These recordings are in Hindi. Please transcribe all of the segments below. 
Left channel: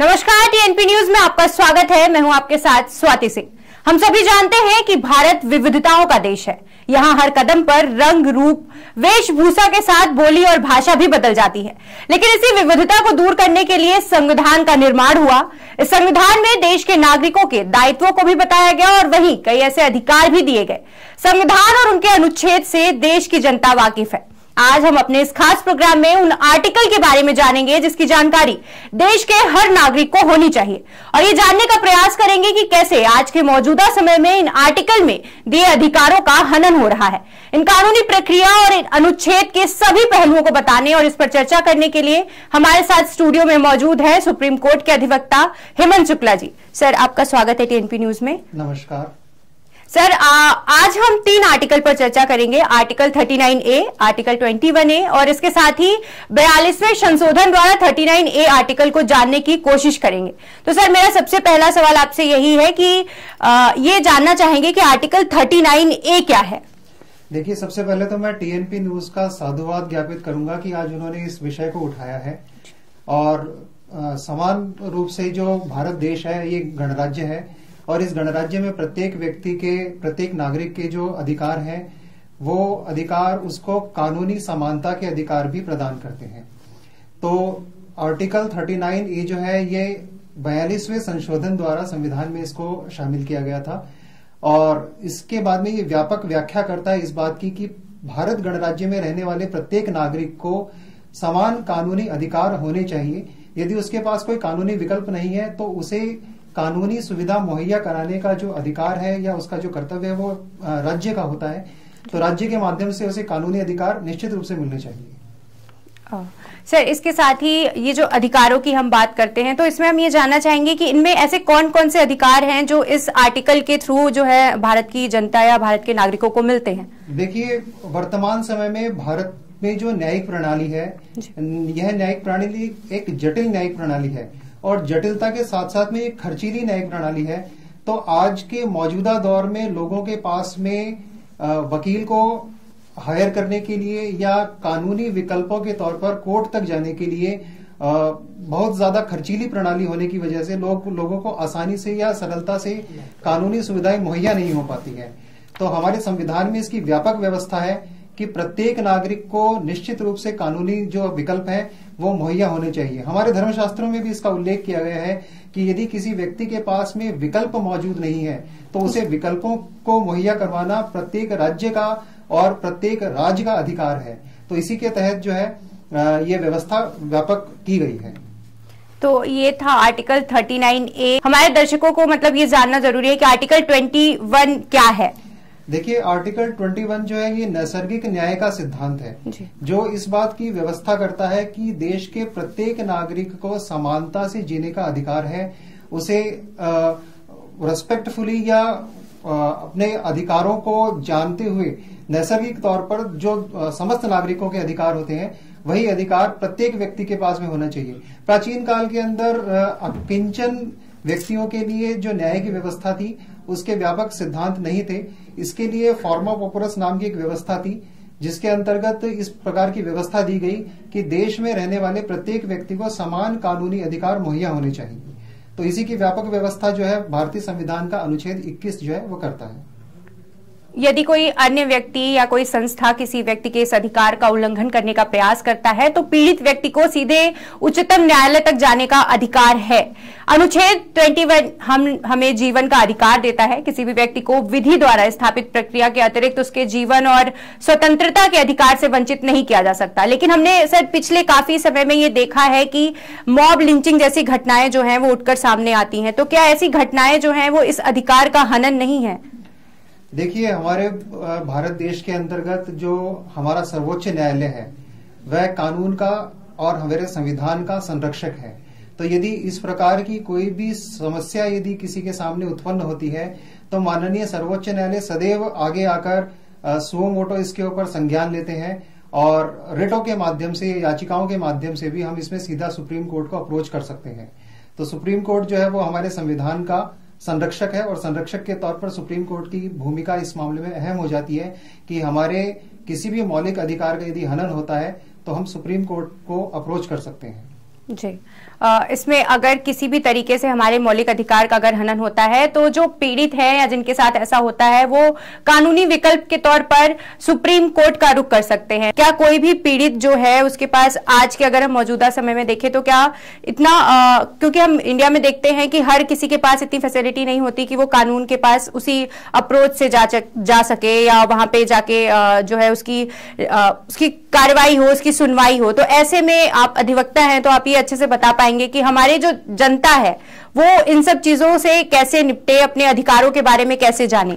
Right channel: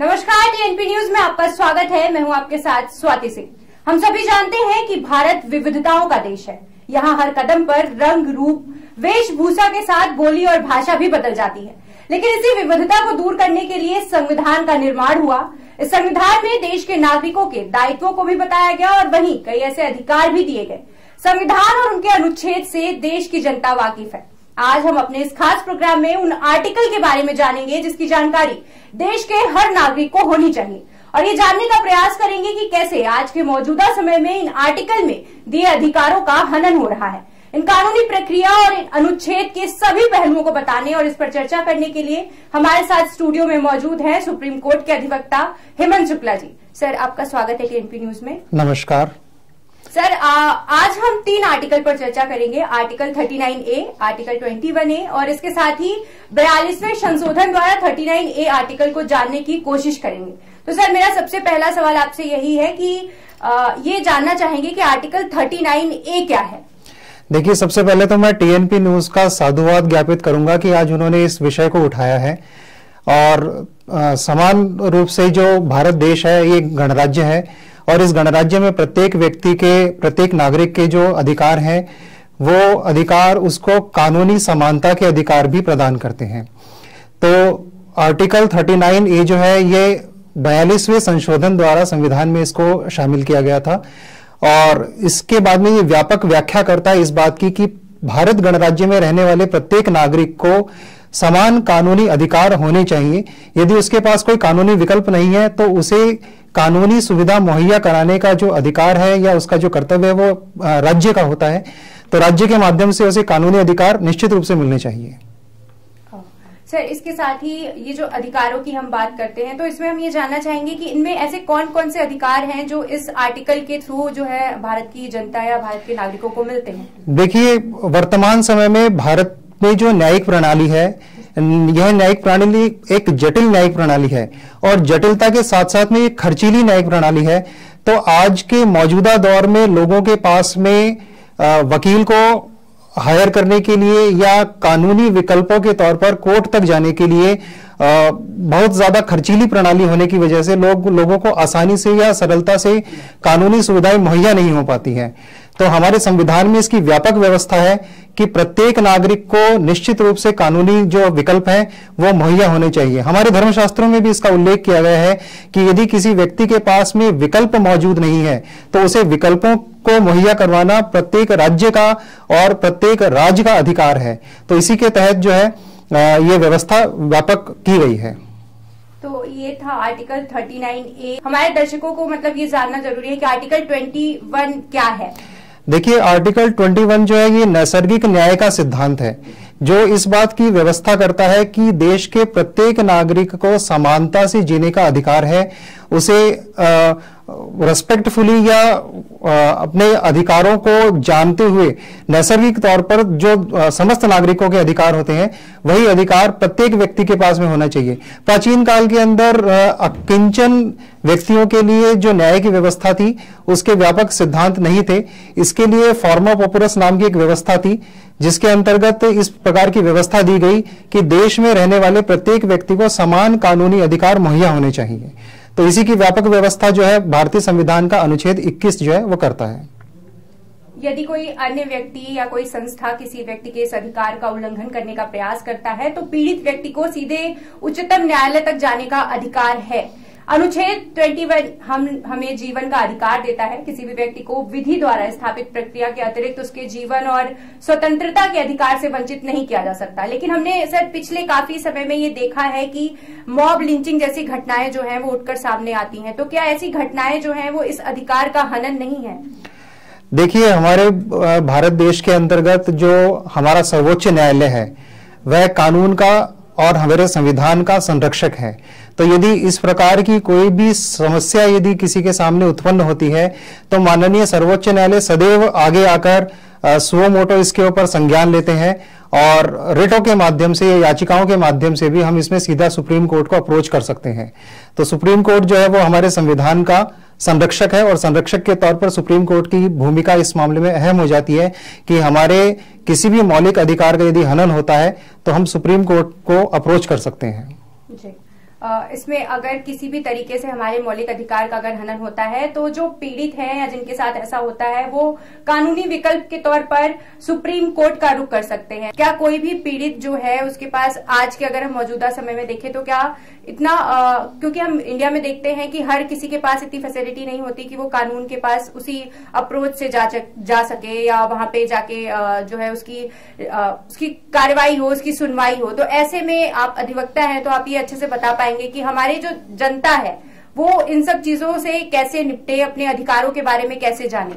नमस्कार, टीएनपी न्यूज में आपका स्वागत है। मैं हूं आपके साथ स्वाति सिंह। हम सभी जानते हैं कि भारत विविधताओं का देश है। यहाँ हर कदम पर रंग, रूप, वेशभूषा के साथ बोली और भाषा भी बदल जाती है। लेकिन इसी विविधता को दूर करने के लिए संविधान का निर्माण हुआ। इस संविधान में देश के नागरिकों के दायित्वों को भी बताया गया और वहीं कई ऐसे अधिकार भी दिए गए। संविधान और उनके अनुच्छेद से देश की जनता वाकिफ है। आज हम अपने इस खास प्रोग्राम में उन आर्टिकल के बारे में जानेंगे जिसकी जानकारी देश के हर नागरिक को होनी चाहिए और ये जानने का प्रयास करेंगे कि कैसे आज के मौजूदा समय में इन आर्टिकल में दिए अधिकारों का हनन हो रहा है। इन कानूनी प्रक्रिया और इन अनुच्छेद के सभी पहलुओं को बताने और इस पर चर्चा करने के लिए हमारे साथ स्टूडियो में मौजूद है सुप्रीम कोर्ट के अधिवक्ता हेमंत शुक्ला जी। सर, आपका स्वागत है टीएनपी न्यूज में। नमस्कार सर, आज हम 3 आर्टिकल पर चर्चा करेंगे। आर्टिकल 39A, आर्टिकल 21A और इसके साथ ही 42वें संशोधन द्वारा 39A आर्टिकल को जानने की कोशिश करेंगे। तो सर, मेरा सबसे पहला सवाल आपसे यही है कि ये जानना चाहेंगे कि आर्टिकल 39A क्या है। देखिए, सबसे पहले तो मैं टीएनपी न्यूज का साधुवाद ज्ञापित करूंगा कि आज उन्होंने इस विषय को उठाया है और समान रूप से जो भारत देश है ये गणराज्य है और इस गणराज्य में प्रत्येक व्यक्ति के, प्रत्येक नागरिक के जो अधिकार हैं वो अधिकार उसको कानूनी समानता के अधिकार भी प्रदान करते हैं। तो आर्टिकल 39A जो है ये 42वें संशोधन द्वारा संविधान में इसको शामिल किया गया था और इसके बाद में ये व्यापक व्याख्या करता है इस बात की कि भारत गणराज्य में रहने वाले प्रत्येक नागरिक को समान कानूनी अधिकार होने चाहिए। यदि उसके पास कोई कानूनी विकल्प नहीं है तो उसे कानूनी सुविधा मुहैया कराने का जो अधिकार है या उसका जो कर्तव्य है वो राज्य का होता है। तो राज्य के माध्यम से उसे कानूनी अधिकार निश्चित रूप से मिलने चाहिए। सर, इसके साथ ही ये जो अधिकारों की हम बात करते हैं तो इसमें हम ये जानना चाहेंगे कि इनमें ऐसे कौन कौन से अधिकार हैं जो इस आर्टिकल के थ्रू जो है भारत की जनता या भारत के नागरिकों को मिलते हैं। देखिए, वर्तमान समय में भारत में जो न्यायिक प्रणाली है यह न्यायिक प्रणाली एक जटिल न्यायिक प्रणाली है और जटिलता के साथ साथ में एक खर्चीली न्यायिक प्रणाली है। तो आज के मौजूदा दौर में लोगों के पास में वकील को हायर करने के लिए या कानूनी विकल्पों के तौर पर कोर्ट तक जाने के लिए बहुत ज्यादा खर्चीली प्रणाली होने की वजह से लोगों को आसानी से या सरलता से कानूनी सुविधाएं मुहैया नहीं हो पाती हैं। तो हमारे संविधान में इसकी व्यापक व्यवस्था है कि प्रत्येक नागरिक को निश्चित रूप से कानूनी जो विकल्प हैं वो मुहैया होने चाहिए। हमारे धर्मशास्त्रों में भी इसका उल्लेख किया गया है कि यदि किसी व्यक्ति के पास में विकल्प मौजूद नहीं है तो उसे विकल्पों को मुहैया करवाना प्रत्येक राज्य का और प्रत्येक राज्य का अधिकार है। तो इसी के तहत जो है ये व्यवस्था व्यापक की गई है। तो ये था आर्टिकल 39A। हमारे दर्शकों को मतलब ये जानना जरूरी है कि आर्टिकल 21 क्या है। देखिए, आर्टिकल 21 जो है ये नैसर्गिक न्याय का सिद्धांत है जो इस बात की व्यवस्था करता है कि देश के प्रत्येक नागरिक को समानता से जीने का अधिकार है। उसे रेस्पेक्टफुली या अपने अधिकारों को जानते हुए नैसर्गिक तौर पर जो समस्त नागरिकों के अधिकार होते हैं वही अधिकार प्रत्येक व्यक्ति के पास में होना चाहिए। प्राचीन काल के अंदर किंचन व्यक्तियों के लिए जो न्याय की व्यवस्था थी उसके व्यापक सिद्धांत नहीं थे। इसके लिए फॉर्मा पॉपुलस नाम की एक व्यवस्था थी जिसके अंतर्गत इस प्रकार की व्यवस्था दी गई कि देश में रहने वाले प्रत्येक व्यक्ति को समान कानूनी अधिकार मुहैया होने चाहिए। तो इसी की व्यापक व्यवस्था जो है भारतीय संविधान का अनुच्छेद 21 जो है वो करता है। यदि कोई अन्य व्यक्ति या कोई संस्था किसी व्यक्ति के इस अधिकार का उल्लंघन करने का प्रयास करता है तो पीड़ित व्यक्ति को सीधे उच्चतम न्यायालय तक जाने का अधिकार है। अनुच्छेद 21 हमें जीवन का अधिकार देता है। किसी भी व्यक्ति को विधि द्वारा स्थापित प्रक्रिया के अतिरिक्त उसके जीवन और स्वतंत्रता के अधिकार से वंचित नहीं किया जा सकता। लेकिन हमने सर पिछले काफी समय में ये देखा है कि मॉब लिंचिंग जैसी घटनाएं जो हैं वो उठकर सामने आती हैं। तो क्या ऐसी घटनाएं जो हैं वो इस अधिकार का हनन नहीं है? देखिए, हमारे भारत देश के अंतर्गत जो हमारा सर्वोच्च न्यायालय है वह कानून का और हमारे संविधान का संरक्षक है। तो यदि इस प्रकार की कोई भी समस्या यदि किसी के सामने उत्पन्न होती है तो माननीय सर्वोच्च न्यायालय सदैव आगे आकर सुओ मोटो इसके ऊपर संज्ञान लेते हैं और रिटों के माध्यम से, याचिकाओं के माध्यम से भी हम इसमें सीधा सुप्रीम कोर्ट को अप्रोच कर सकते हैं। तो सुप्रीम कोर्ट जो है वो हमारे संविधान का संरक्षक है और संरक्षक के तौर पर सुप्रीम कोर्ट की भूमिका इस मामले में अहम हो जाती है कि हमारे किसी भी मौलिक अधिकार का यदि हनन होता है तो हम सुप्रीम कोर्ट को अप्रोच कर सकते हैं। जी, इसमें अगर किसी भी तरीके से हमारे मौलिक अधिकार का अगर हनन होता है तो जो पीड़ित है या जिनके साथ ऐसा होता है वो कानूनी विकल्प के तौर पर सुप्रीम कोर्ट का रुख कर सकते हैं। क्या कोई भी पीड़ित जो है उसके पास आज के अगर हम मौजूदा समय में देखें तो क्या इतना क्योंकि हम इंडिया में देखते हैं कि हर किसी के पास इतनी फैसिलिटी नहीं होती कि वो कानून के पास उसी अप्रोच से जा सके या वहां पे जाके जो है उसकी कार्रवाई हो, उसकी सुनवाई हो। तो ऐसे में आप अधिवक्ता हैं तो आप ये अच्छे से बता पाएंगे कि हमारी जो जनता है वो इन सब चीजों से कैसे निपटे, अपने अधिकारों के बारे में कैसे जाने।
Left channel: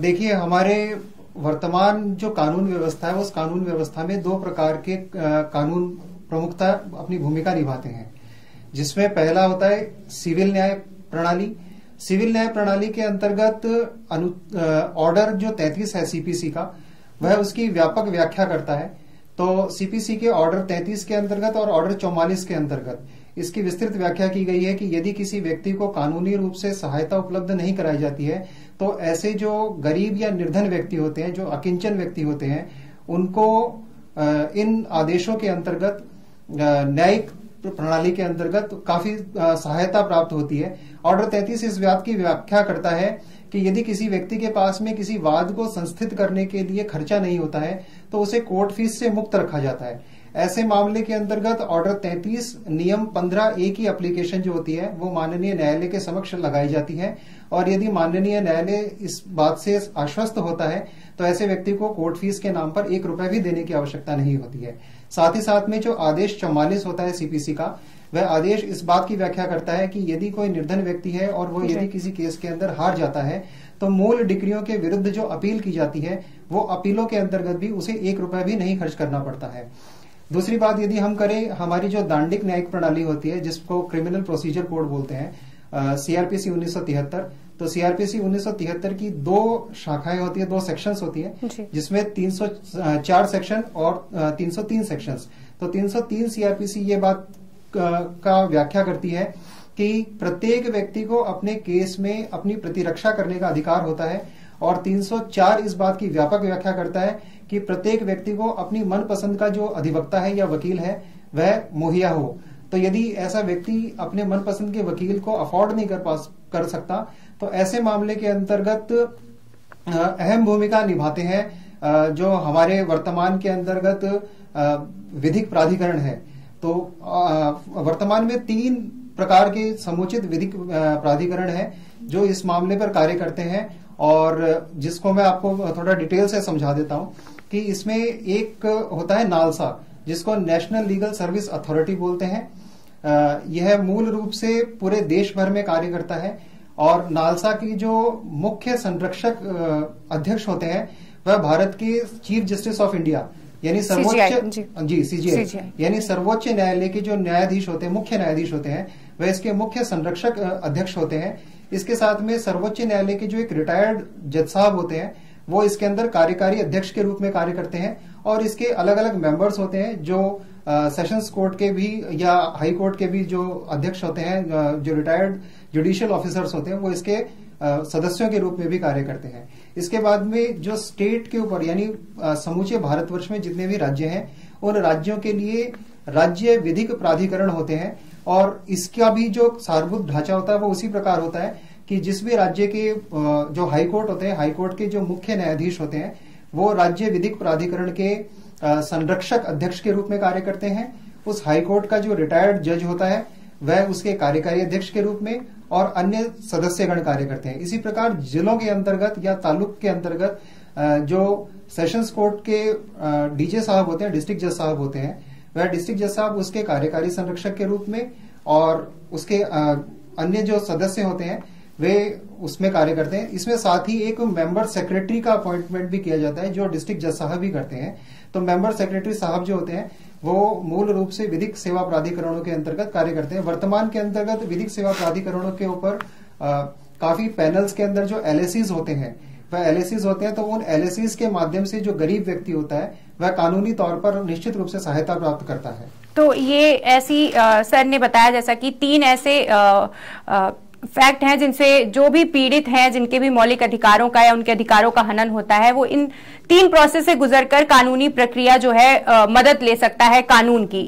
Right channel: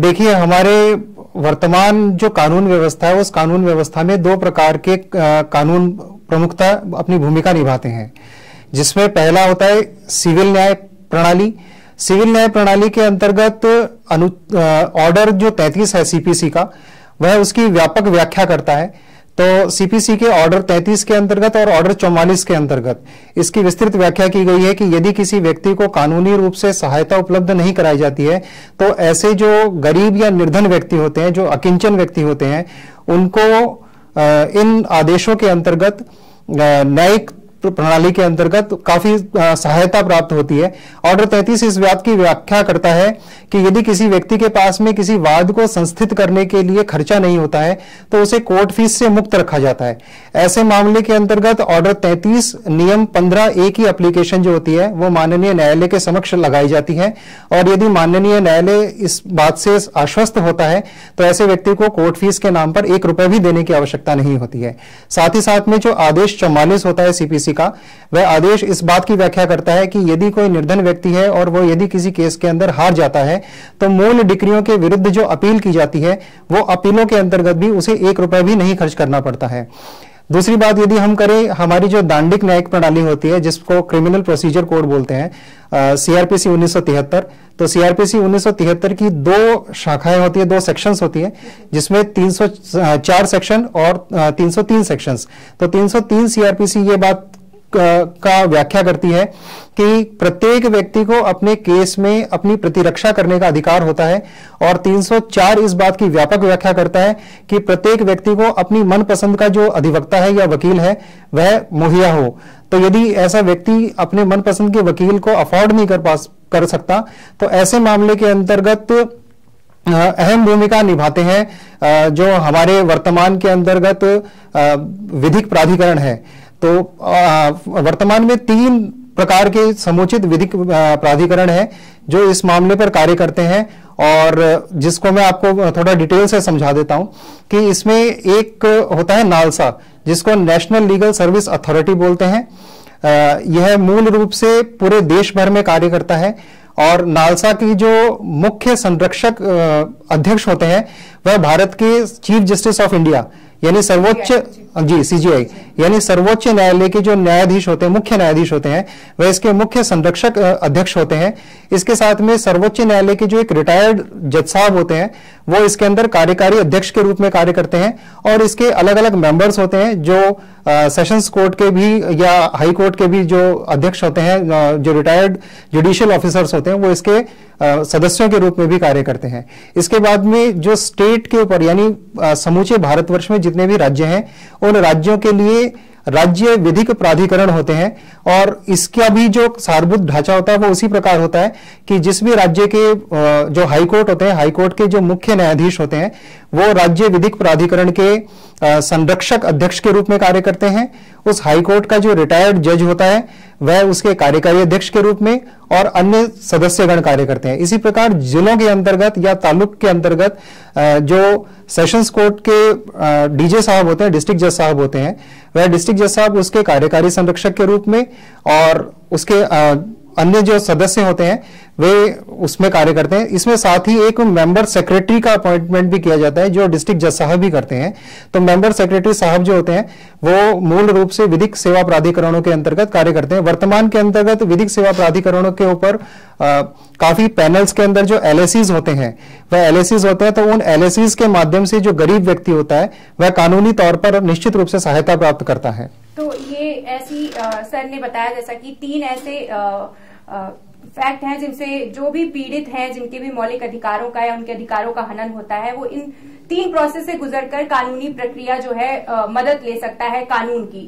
देखिए, हमारे वर्तमान जो कानून व्यवस्था है उस कानून व्यवस्था में दो प्रकार के कानून प्रमुखता अपनी भूमिका निभाते हैं, जिसमें पहला होता है सिविल न्याय प्रणाली। सिविल न्याय प्रणाली के अंतर्गत ऑर्डर जो 33 है सीपीसी का, वह उसकी व्यापक व्याख्या करता है। तो सीपीसी के ऑर्डर 33 के अंतर्गत और ऑर्डर 44 के अंतर्गत इसकी विस्तृत व्याख्या की गई है कि यदि किसी व्यक्ति को कानूनी रूप से सहायता उपलब्ध नहीं कराई जाती है तो ऐसे जो गरीब या निर्धन व्यक्ति होते हैं, जो अकिंचन व्यक्ति होते हैं, उनको इन आदेशों के अंतर्गत न्यायिक प्रणाली के अंतर्गत काफी सहायता प्राप्त होती है। ऑर्डर 33 इस बात की व्याख्या करता है कि यदि किसी व्यक्ति के पास में किसी वाद को संस्थित करने के लिए खर्चा नहीं होता है तो उसे कोर्ट फीस से मुक्त रखा जाता है। ऐसे मामले के अंतर्गत ऑर्डर 33 नियम 15A की एप्लीकेशन जो होती है वो माननीय न्यायालय के समक्ष लगाई जाती है, और यदि माननीय न्यायालय इस बात से आश्वस्त होता है तो ऐसे व्यक्ति को कोर्ट फीस के नाम पर 1 रुपए भी देने की आवश्यकता नहीं होती है। साथ ही साथ में जो आदेश 44 होता है सीपीसी का, वह आदेश इस बात की व्याख्या करता है कि यदि कोई निर्धन व्यक्ति है और वो यदि किसी केस के अंदर हार जाता है तो मूल डिक्रियों के विरुद्ध जो अपील की जाती है वो अपीलों के अंतर्गत भी उसे 1 रुपए भी नहीं खर्च करना पड़ता है। दूसरी बात यदि हम करें, हमारी जो दांडिक न्यायिक प्रणाली होती है जिसको क्रिमिनल प्रोसीजर कोड बोलते हैं, सीआरपीसी 1973, तो सीआरपीसी 1973 की 2 शाखाएं होती है, 2 सेक्शंस होती है, जिसमें 304 सेक्शन और 303 सेक्शंस। तो 303 सीआरपीसी ये बात का व्याख्या करती है कि प्रत्येक व्यक्ति को अपने केस में अपनी प्रतिरक्षा करने का अधिकार होता है, और 304 इस बात की व्यापक व्याख्या करता है कि प्रत्येक व्यक्ति को अपनी मनपसंद का जो अधिवक्ता है या वकील है वह मुहैया हो। तो यदि ऐसा व्यक्ति अपने मनपसंद के वकील को अफोर्ड नहीं कर सकता तो ऐसे मामले के अंतर्गत अहम भूमिका निभाते हैं जो हमारे वर्तमान के अंतर्गत विधिक प्राधिकरण है। तो वर्तमान में 3 प्रकार के समुचित विधिक प्राधिकरण हैं जो इस मामले पर कार्य करते हैं, और जिसको मैं आपको थोड़ा डिटेल से समझा देता हूं कि इसमें एक होता है नालसा, जिसको नेशनल लीगल सर्विस अथॉरिटी बोलते हैं। यह मूल रूप से पूरे देश भर में कार्य करता है, और नालसा की जो मुख्य संरक्षक अध्यक्ष होते हैं वह भारत के चीफ जस्टिस ऑफ इंडिया यानी सर्वोच्च सीजीआई यानी सर्वोच्च न्यायालय के जो न्यायाधीश होते हैं, मुख्य न्यायाधीश होते हैं, वह इसके मुख्य संरक्षक अध्यक्ष होते हैं। इसके साथ में सर्वोच्च न्यायालय के जो एक रिटायर्ड जज साहब होते हैं वो इसके अंदर कार्यकारी अध्यक्ष के रूप में कार्य करते हैं, और इसके अलग अलग मेंबर्स होते हैं जो सेशंस कोर्ट के भी या हाई कोर्ट के भी जो अध्यक्ष होते हैं, जो रिटायर्ड जुडिशियल ऑफिसर्स होते हैं, वो इसके सदस्यों के रूप में भी कार्य करते हैं। इसके बाद में जो स्टेट के ऊपर यानी समूचे भारतवर्ष में जितने भी राज्य हैं उन राज्यों के लिए राज्य विधिक प्राधिकरण होते हैं, और इसका भी जो सारभूत ढांचा होता है वो उसी प्रकार होता है कि जिस भी राज्य के जो हाई कोर्ट होते हैं, हाई कोर्ट के जो मुख्य न्यायाधीश होते हैं वो राज्य विधिक प्राधिकरण के संरक्षक अध्यक्ष के रूप में कार्य करते हैं। उस हाई कोर्ट का जो रिटायर्ड जज होता है वह उसके कार्यकारी अध्यक्ष के रूप में, और अन्य सदस्यगण कार्य करते हैं। इसी प्रकार जिलों के अंतर्गत या तालुक के अंतर्गत जो सेशंस कोर्ट के डीजे साहब होते हैं, डिस्ट्रिक्ट जज साहब होते हैं, वह डिस्ट्रिक्ट जज साहब उसके कार्यकारी संरक्षक के रूप में, और उसके अन्य जो सदस्य होते हैं वे उसमें कार्य करते हैं। इसमें साथ ही एक मेंबर सेक्रेटरी का अपॉइंटमेंट भी किया जाता है जो डिस्ट्रिक्ट जज साहब भी करते हैं। तो मेंबर सेक्रेटरी साहब जो होते हैं वो मूल रूप से विधिक सेवा प्राधिकरणों के अंतर्गत कार्य करते हैं। वर्तमान के अंतर्गत विधिक सेवा प्राधिकरणों के ऊपर काफी पैनल्स के अंदर जो एलएसीज होते हैं वह एलएसीज होते हैं, तो उन एलएसीज के माध्यम से जो गरीब व्यक्ति होता है वह कानूनी तौर पर निश्चित रूप से सहायता प्राप्त करता है। तो ये ऐसी सर ने बताया जैसा कि 3 ऐसे फैक्ट हैं जिनसे जो भी पीड़ित हैं, जिनके भी मौलिक अधिकारों का या उनके अधिकारों का हनन होता है, वो इन 3 प्रोसेस से गुजरकर कानूनी प्रक्रिया जो है मदद ले सकता है कानून की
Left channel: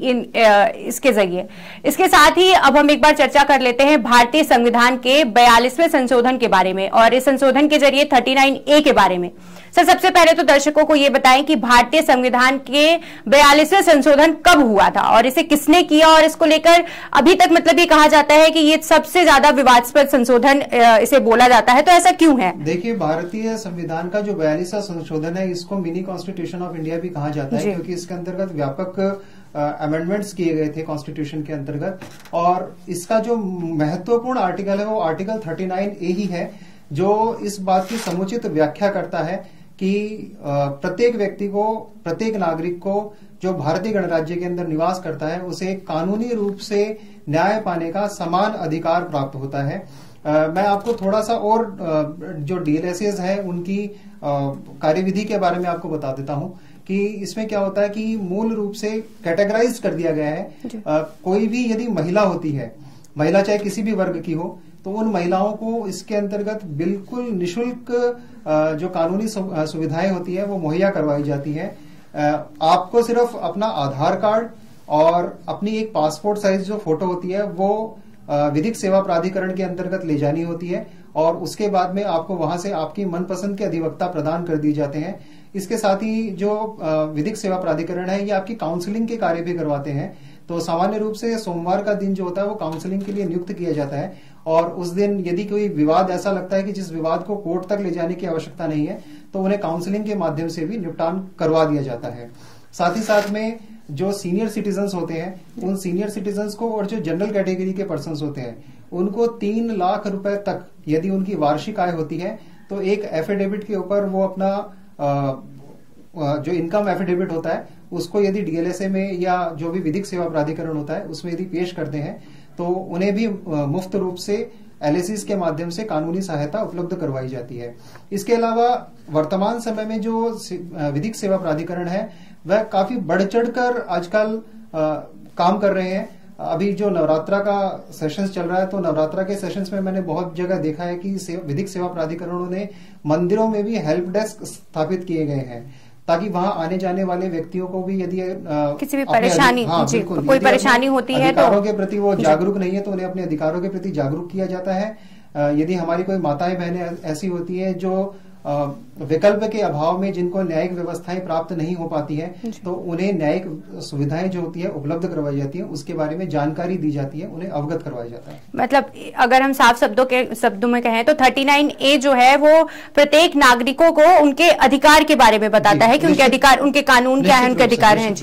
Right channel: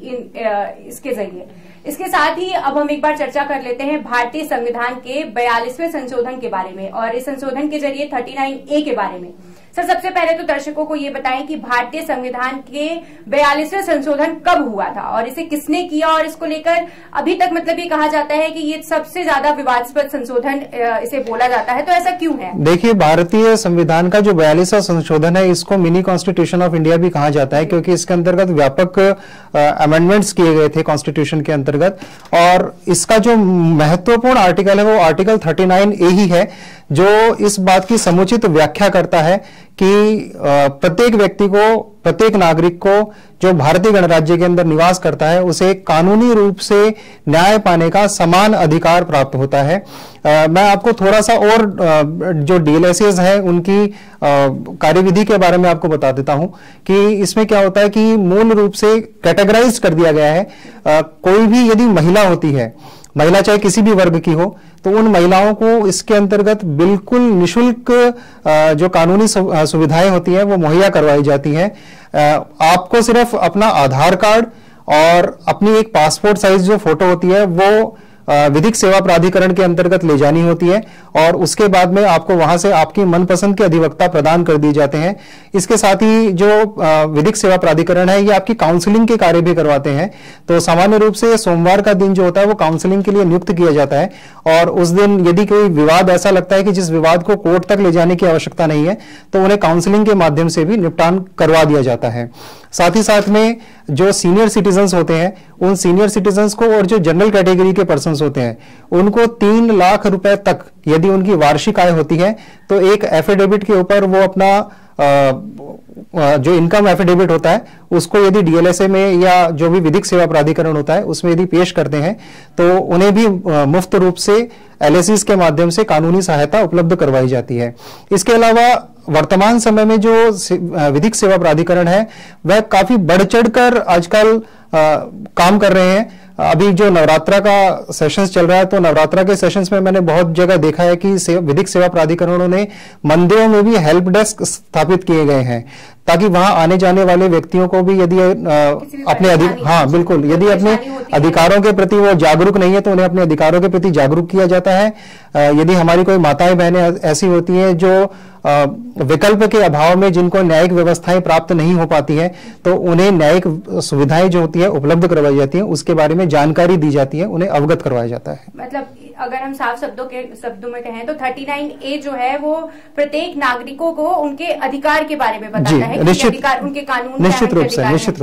इसके जरिए। इसके साथ ही अब हम एक बार चर्चा कर लेते हैं भारतीय संविधान के 42वें संशोधन के बारे में और इस संशोधन के जरिए 39A के बारे में। सर, सबसे पहले तो दर्शकों को ये बताएं कि भारतीय संविधान के 42वें संशोधन कब हुआ था और इसे किसने किया, और इसको लेकर अभी तक मतलब ये कहा जाता है कि ये सबसे ज्यादा विवादास्पद संशोधन इसे बोला जाता है, तो ऐसा क्यों है? देखिए, भारतीय संविधान का जो 42वां संशोधन है, इसको मिनी कॉन्स्टिट्यूशन ऑफ इंडिया भी कहा जाता है, क्योंकि इसके अंतर्गत व्यापक अमेंडमेंट्स किए गए थे कॉन्स्टिट्यूशन के अंतर्गत। और इसका जो महत्वपूर्ण आर्टिकल है वो आर्टिकल 39A ही है, जो इस बात की समुचित व्याख्या करता है कि प्रत्येक व्यक्ति को, प्रत्येक नागरिक को जो भारतीय गणराज्य के अंदर निवास करता है, उसे कानूनी रूप से न्याय पाने का समान अधिकार प्राप्त होता है। मैं आपको थोड़ा सा और जो डीएलएसएस है उनकी कार्यविधि के बारे में आपको बता देता हूं कि इसमें क्या होता है कि मूल रूप से कैटेगराइज कर दिया गया है। कोई भी यदि महिला होती है, महिला चाहे किसी भी वर्ग की हो, तो उन महिलाओं को इसके अंतर्गत बिल्कुल निशुल्क जो कानूनी सुविधाएं होती हैं वो मुहैया करवाई जाती हैं। आपको सिर्फ अपना आधार कार्ड और अपनी एक पासपोर्ट साइज जो फोटो होती है वो विधिक सेवा प्राधिकरण के अंतर्गत ले जानी होती है और उसके बाद में आपको वहां से आपकी मनपसंद के अधिवक्ता प्रदान कर दिए जाते हैं। इसके साथ ही जो विधिक सेवा प्राधिकरण है, ये आपकी काउंसलिंग के कार्य भी करवाते हैं। तो सामान्य रूप से सोमवार का दिन जो होता है वो काउंसलिंग के लिए नियुक्त किया जाता है और उस दिन यदि कोई विवाद ऐसा लगता है कि जिस विवाद को कोर्ट तक ले जाने की आवश्यकता नहीं है, तो उन्हें काउंसलिंग के माध्यम से भी निपटान करवा दिया जाता है। साथ ही साथ में जो सीनियर सिटीजन्स होते हैं, उन सीनियर सिटीजन्स को और जो जनरल कैटेगरी के पर्सन्स होते हैं, उनको 3 लाख रुपए तक यदि उनकी वार्षिक आय होती है, तो एक एफिडेविट के ऊपर वो अपना जो इनकम एफिडेविट होता है उसको यदि डीएलएसए में या जो भी विधिक सेवा प्राधिकरण होता है उसमें यदि पेश करते हैं, तो उन्हें भी मुफ्त रूप से एलएसीज के माध्यम से कानूनी सहायता उपलब्ध करवाई जाती है। इसके अलावा वर्तमान समय में जो विधिक सेवा प्राधिकरण है वह काफी बढ़ चढ़कर आजकल काम कर रहे हैं। अभी जो नवरात्रा का सेशंस चल रहा है, तो नवरात्रा के सेशंस में मैंने बहुत जगह देखा है कि विधिक सेवा प्राधिकरणों ने मंदिरों में भी हेल्प डेस्क स्थापित किए गए हैं, ताकि वहां आने जाने वाले व्यक्तियों को भी यदि अपने बिल्कुल यदि अपने अधिकारों के प्रति वो जागरूक नहीं है तो उन्हें अपने अधिकारों के प्रति जागरूक किया जाता है। यदि हमारी कोई माताएं बहनें ऐसी होती हैं जो विकल्प के अभाव में जिनको न्यायिक व्यवस्थाएं प्राप्त नहीं हो पाती है, तो उन्हें न्यायिक सुविधाएं जो होती है उपलब्ध करवाई जाती है, उसके बारे में जानकारी दी जाती है, उन्हें अवगत करवाया जाता है। मतलब अगर हम साफ शब्दों में कहें तो 39A जो है वो प्रत्येक नागरिकों को उनके अधिकार के बारे में बताता है कि उनके अधिकार, उनके कानून क्या है, उनके अधिकार हैं।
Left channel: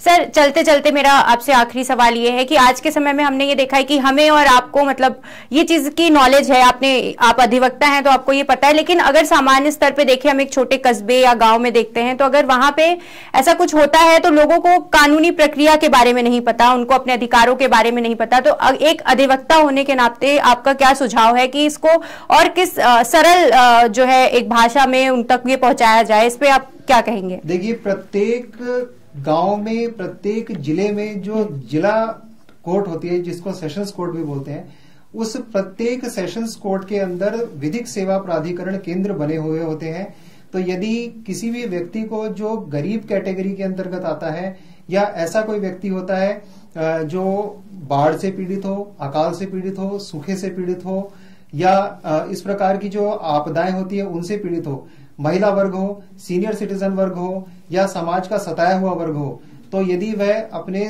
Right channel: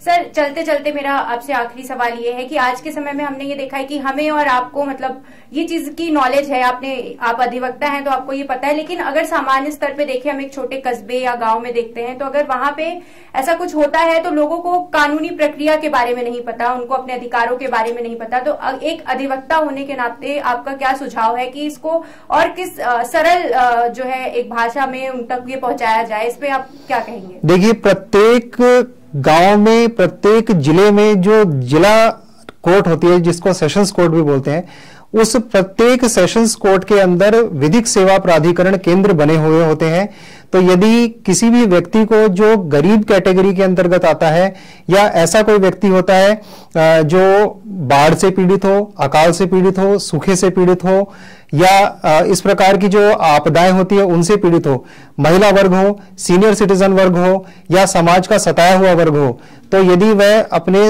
सर, चलते चलते मेरा आपसे आखिरी सवाल ये है कि आज के समय में हमने ये देखा है कि हमें और आपको मतलब ये चीज की नॉलेज है, आप अधिवक्ता हैं तो आपको ये पता है, लेकिन अगर सामान्य स्तर पे देखें, हम एक छोटे कस्बे या गांव में देखते हैं, तो अगर वहां पे ऐसा कुछ होता है तो लोगों को कानूनी प्रक्रिया के बारे में नहीं पता, उनको अपने अधिकारों के बारे में नहीं पता। तो एक अधिवक्ता होने के नाते आपका क्या सुझाव है कि इसको और किस सरल जो है एक भाषा में उन तक ये पहुंचाया जाए, इस पे आप क्या कहेंगे? देखिए, प्रत्येक गांव में, प्रत्येक जिले में जो जिला कोर्ट होती है, जिसको सेशंस कोर्ट भी बोलते हैं, उस प्रत्येक सेशंस कोर्ट के अंदर विधिक सेवा प्राधिकरण केंद्र बने हुए होते हैं। तो यदि किसी भी व्यक्ति को जो गरीब कैटेगरी के अंतर्गत आता है या ऐसा कोई व्यक्ति होता है जो बाढ़ से पीड़ित हो, अकाल से पीड़ित हो, सूखे से पीड़ित हो या इस प्रकार की जो आपदाएं होती है उनसे पीड़ित हो, महिला वर्ग हो, सीनियर सिटीजन वर्ग हो या समाज का सताया हुआ वर्ग हो, तो यदि वह अपने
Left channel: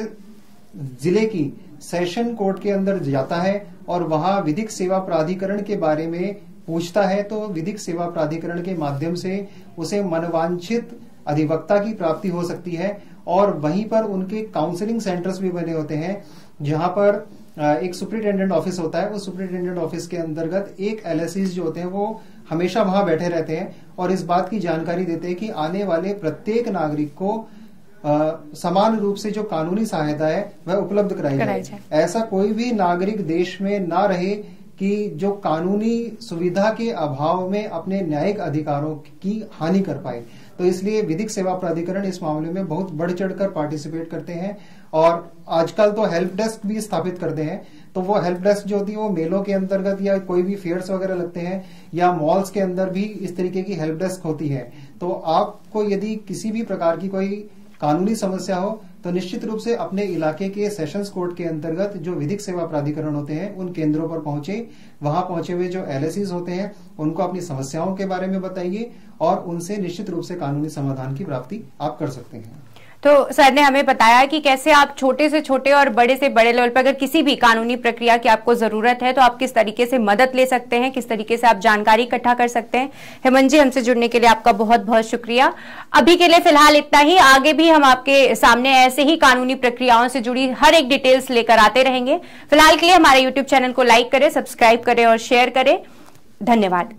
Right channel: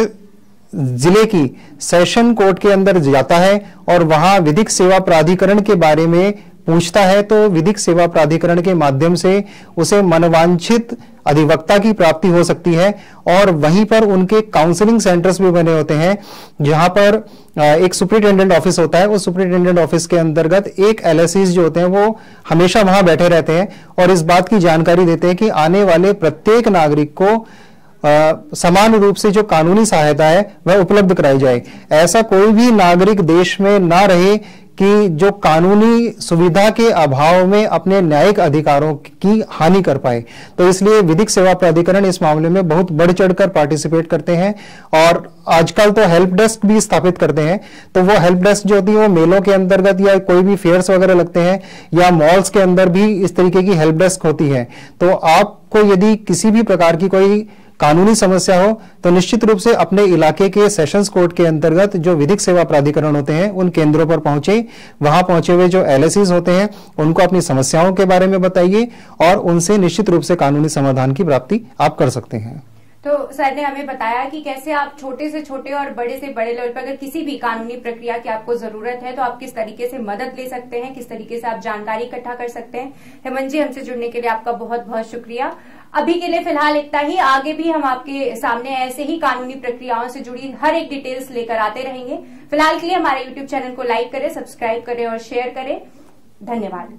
जिले की सेशन कोर्ट के अंदर जाता है और वहां विधिक सेवा प्राधिकरण के बारे में पूछता है, तो विधिक सेवा प्राधिकरण के माध्यम से उसे मनवांछित अधिवक्ता की प्राप्ति हो सकती है। और वहीं पर उनके काउंसलिंग सेंटर्स भी बने होते हैं, जहां पर एक सुपरिटेंडेंट ऑफिस होता है। उस सुपरिटेंडेंट ऑफिस के अंतर्गत एक एलएसीज जो होते हैं वो हमेशा वहां बैठे रहते हैं और इस बात की जानकारी देते हैं कि आने वाले प्रत्येक नागरिक को समान रूप से जो कानूनी सहायता है वह उपलब्ध कराई जाए। ऐसा कोई भी नागरिक देश में ना रहे कि जो कानूनी सुविधा के अभाव में अपने न्यायिक अधिकारों की हानि कर पाए। तो इसलिए विधिक सेवा प्राधिकरण इस मामले में बहुत बढ़ चढ़कर पार्टिसिपेट करते हैं और आजकल तो हेल्प डेस्क भी स्थापित करते हैं। तो वो हेल्प डेस्क जो होती है वो मेलों के अंतर्गत या कोई भी फेयर्स वगैरह लगते हैं या मॉल्स के अंदर भी इस तरीके की हेल्प डेस्क होती है। तो आपको यदि किसी भी प्रकार की कोई कानूनी समस्या हो तो निश्चित रूप से अपने इलाके के सेशंस कोर्ट के अंतर्गत जो विधिक सेवा प्राधिकरण होते हैं उन केंद्रों पर पहुंचे, वहां पहुंचे हुए जो LSEs होते हैं उनको अपनी समस्याओं के बारे में बताइए और उनसे निश्चित रूप से कानूनी समाधान की प्राप्ति आप कर सकते हैं। तो सर ने हमें बताया कि कैसे आप छोटे से छोटे और बड़े से बड़े लेवल पर अगर किसी भी कानूनी प्रक्रिया की आपको जरूरत है तो आप किस तरीके से मदद ले सकते हैं, किस तरीके से आप जानकारी इकट्ठा कर सकते हैं। हेमंत जी, हमसे जुड़ने के लिए आपका बहुत बहुत शुक्रिया। अभी के लिए फिलहाल इतना ही, आगे भी हम आपके सामने ऐसे ही कानूनी प्रक्रियाओं से जुड़ी हर एक डिटेल्स लेकर आते रहेंगे। फिलहाल के लिए हमारे यूट्यूब चैनल को लाइक करें, सब्सक्राइब करें और शेयर करें। धन्यवाद।